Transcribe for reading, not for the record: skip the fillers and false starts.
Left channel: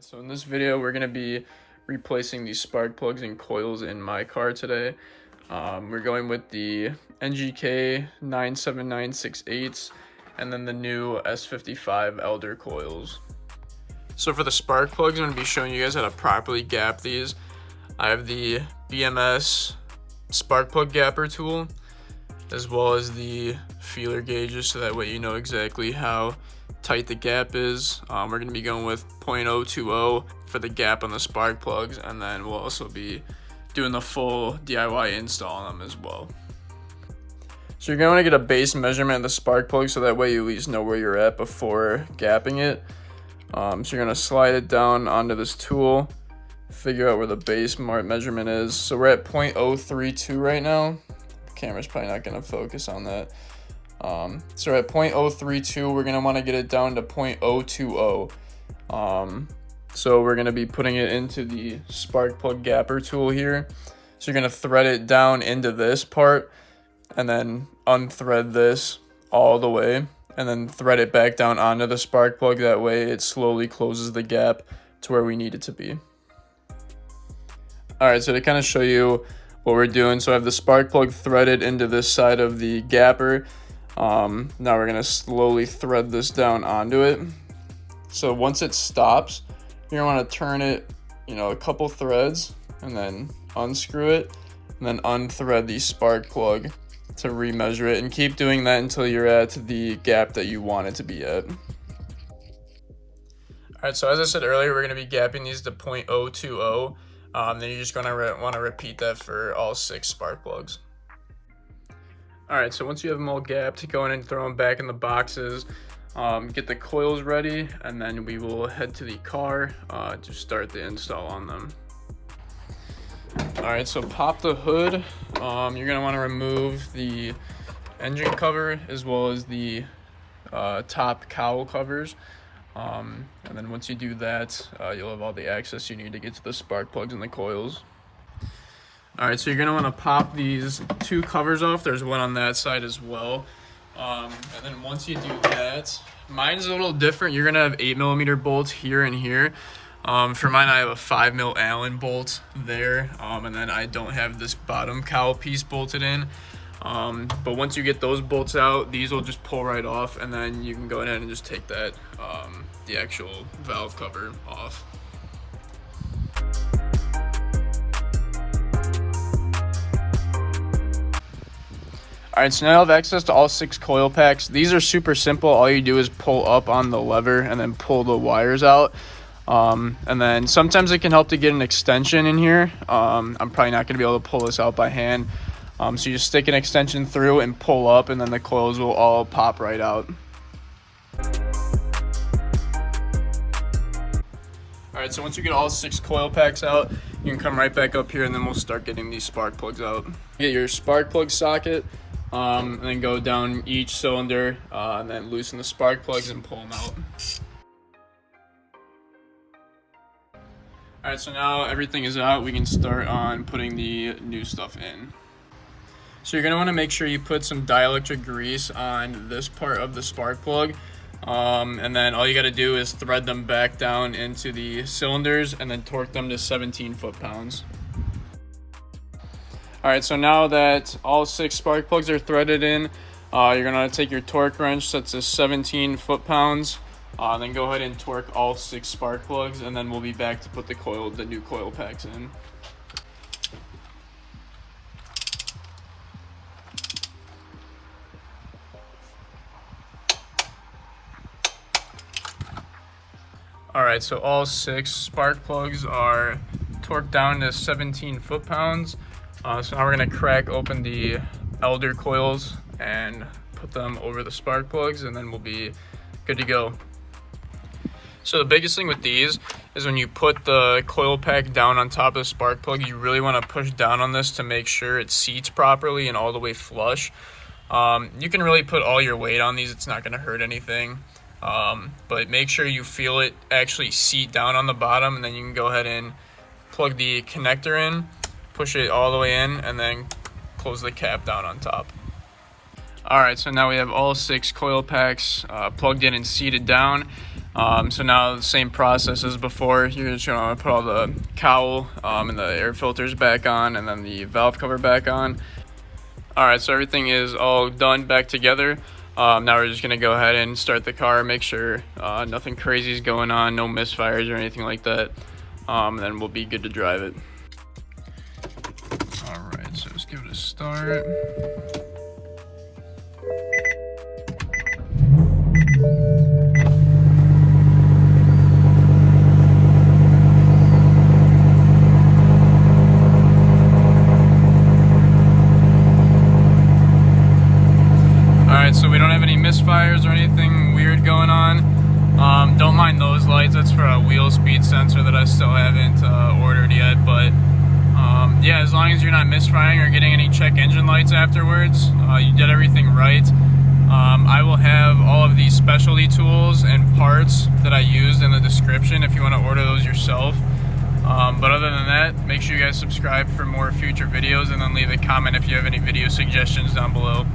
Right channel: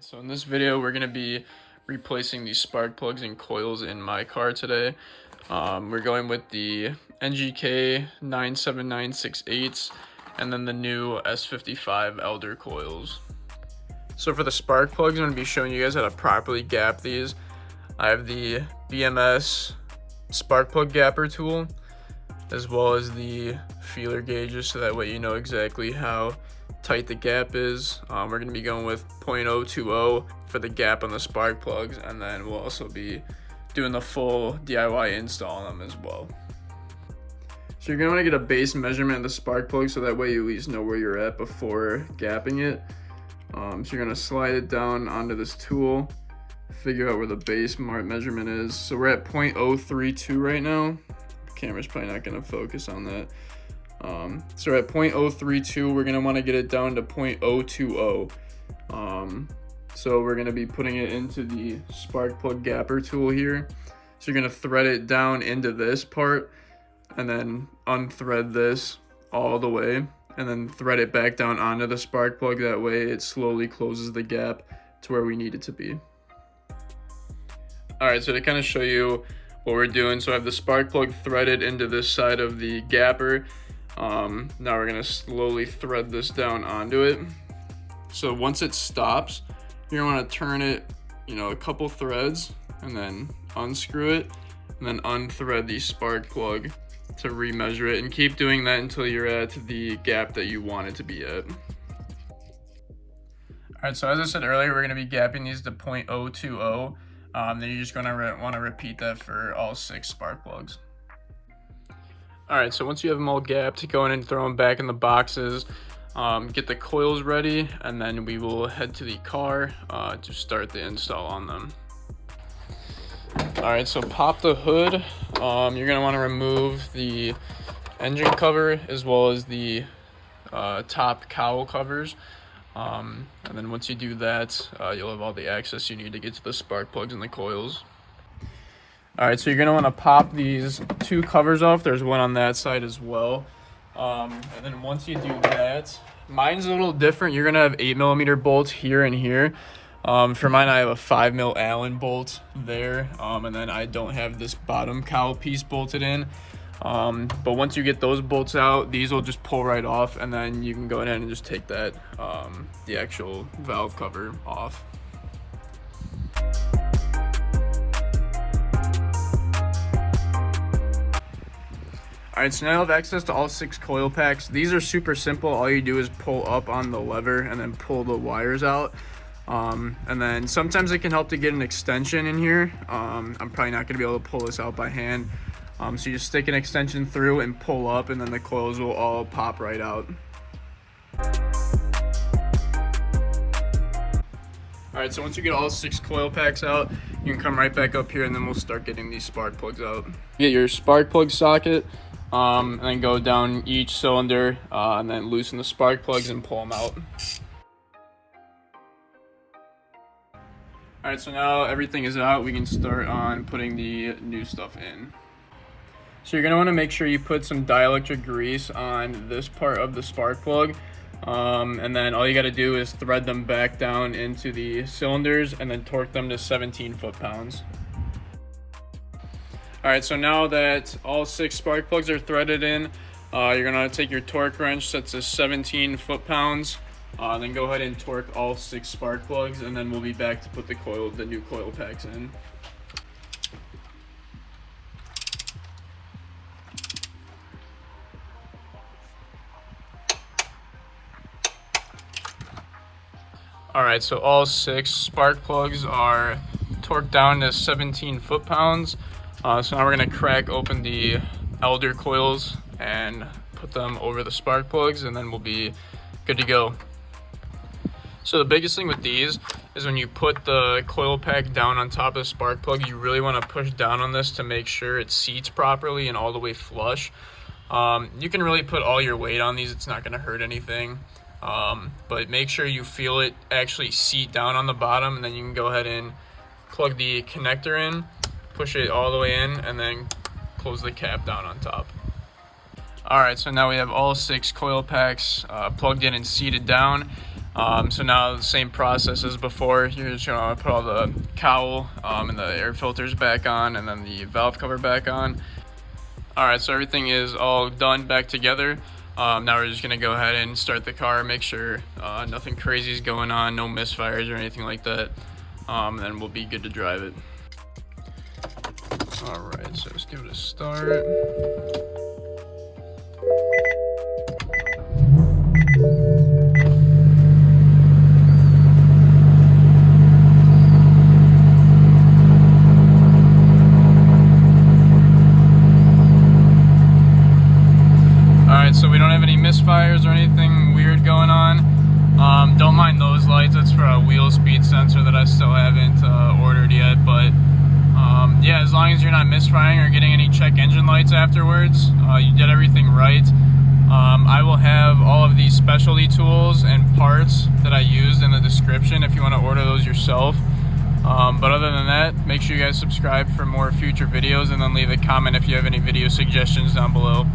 Alright, so in this video we're going to be replacing the spark plugs and coils in my car today. We're going with the NGK 97968s and then the new S55 Elder coils. So for the spark plugs, I'm going to be showing you guys how to properly gap these. I have the BMS spark plug gapper tool as well as the feeler gauges, so that way you know exactly how tight the gap is. We're going to be going with 0.020 for the gap on the spark plugs, and then we'll also be doing the full DIY install on them as well. So you're going to want to get a base measurement of the spark plug, so that way you at least know where you're at before gapping it. So you're going to slide it down onto this tool, figure out where the base measurement is. So we're at 0.032 right now. The camera's probably not going to focus on that. So at 0.032, we're going to want to get it down to 0.020. So we're going to be putting it into the spark plug gapper tool here. So you're going to thread it down into this part and then unthread this all the way and then thread it back down onto the spark plug. That way it slowly closes the gap to where we need it to be. Alright, so to kind of show you what we're doing, so I have the spark plug threaded into this side of the gapper. Now we're going to slowly thread this down onto it. So once it stops, you're going to want to turn it, a couple threads and then unscrew it and then unthread the spark plug to remeasure it, and keep doing that until you're at the gap that you want it to be at. Alright, so as I said earlier, we're going to be gapping these to 0.020. Then you're just going to want to repeat that for all 6 spark plugs. Alright, so once you have them all gapped, go in and throw them back in the boxes, get the coils ready, and then we will head to the car to start the install on them. Alright, so pop the hood. You're going to want to remove the engine cover as well as the top cowl covers. And then once you do that, you'll have all the access you need to get to the spark plugs and the coils. Alright, so you're going to want to pop these 2 covers off. There's one on that side as well. And then once you do that, mine's a little different. You're going to have 8mm bolts here and here. For mine, I have a 5mm Allen bolt there. And then I don't have this bottom cowl piece bolted in. But once you get those bolts out, these will just pull right off, and then you can go ahead and just take that, the actual valve cover off. Alright, so now I have access to all 6 coil packs. These are super simple. All you do is pull up on the lever and then pull the wires out. And then sometimes it can help to get an extension in here. I'm probably not going to be able to pull this out by hand. So you just stick an extension through and pull up, and then the coils will all pop right out. Alright, so once you get all 6 coil packs out, you can come right back up here and then we'll start getting these spark plugs out. Get your spark plug socket, and then go down each cylinder, and then loosen the spark plugs and pull them out. Alright, so now everything is out, we can start on putting the new stuff in. So you're going to want to make sure you put some dielectric grease on this part of the spark plug. And then all you got to do is thread them back down into the cylinders and then torque them to 17 foot-pounds. Alright, so now that all 6 spark plugs are threaded in, you're going to take your torque wrench set to 17 foot-pounds. Then go ahead and torque all 6 spark plugs, and then we'll be back to put the new coil packs in. Alright, so all 6 spark plugs are torqued down to 17 foot-pounds. So now we're going to crack open the Elder coils and put them over the spark plugs, and then we'll be good to go. So the biggest thing with these is when you put the coil pack down on top of the spark plug, you really want to push down on this to make sure it seats properly and all the way flush. You can really put all your weight on these, it's not going to hurt anything. But make sure you feel it actually seat down on the bottom, and then you can go ahead and plug the connector in, push it all the way in, and then close the cap down on top. Alright, so now we have all 6 coil packs plugged in and seated down. So now the same process as before. You're just going to put all the cowl and the air filters back on, and then the valve cover back on. Alright, so everything is all done back together. Now we're just going to go ahead and start the car, make sure nothing crazy is going on, no misfires or anything like that. And then we'll be good to drive it. Alright, so let's give it a start. Alright, so we don't have any misfires or anything weird going on. Don't mind those lights, that's for a wheel speed sensor that I still haven't ordered yet, but yeah, as long as you're not misfiring or getting any check engine lights afterwards, you did everything right. I will have all of these specialty tools and parts that I used in the description if you want to order those yourself. But other than that, make sure you guys subscribe for more future videos, and then leave a comment if you have any video suggestions down below.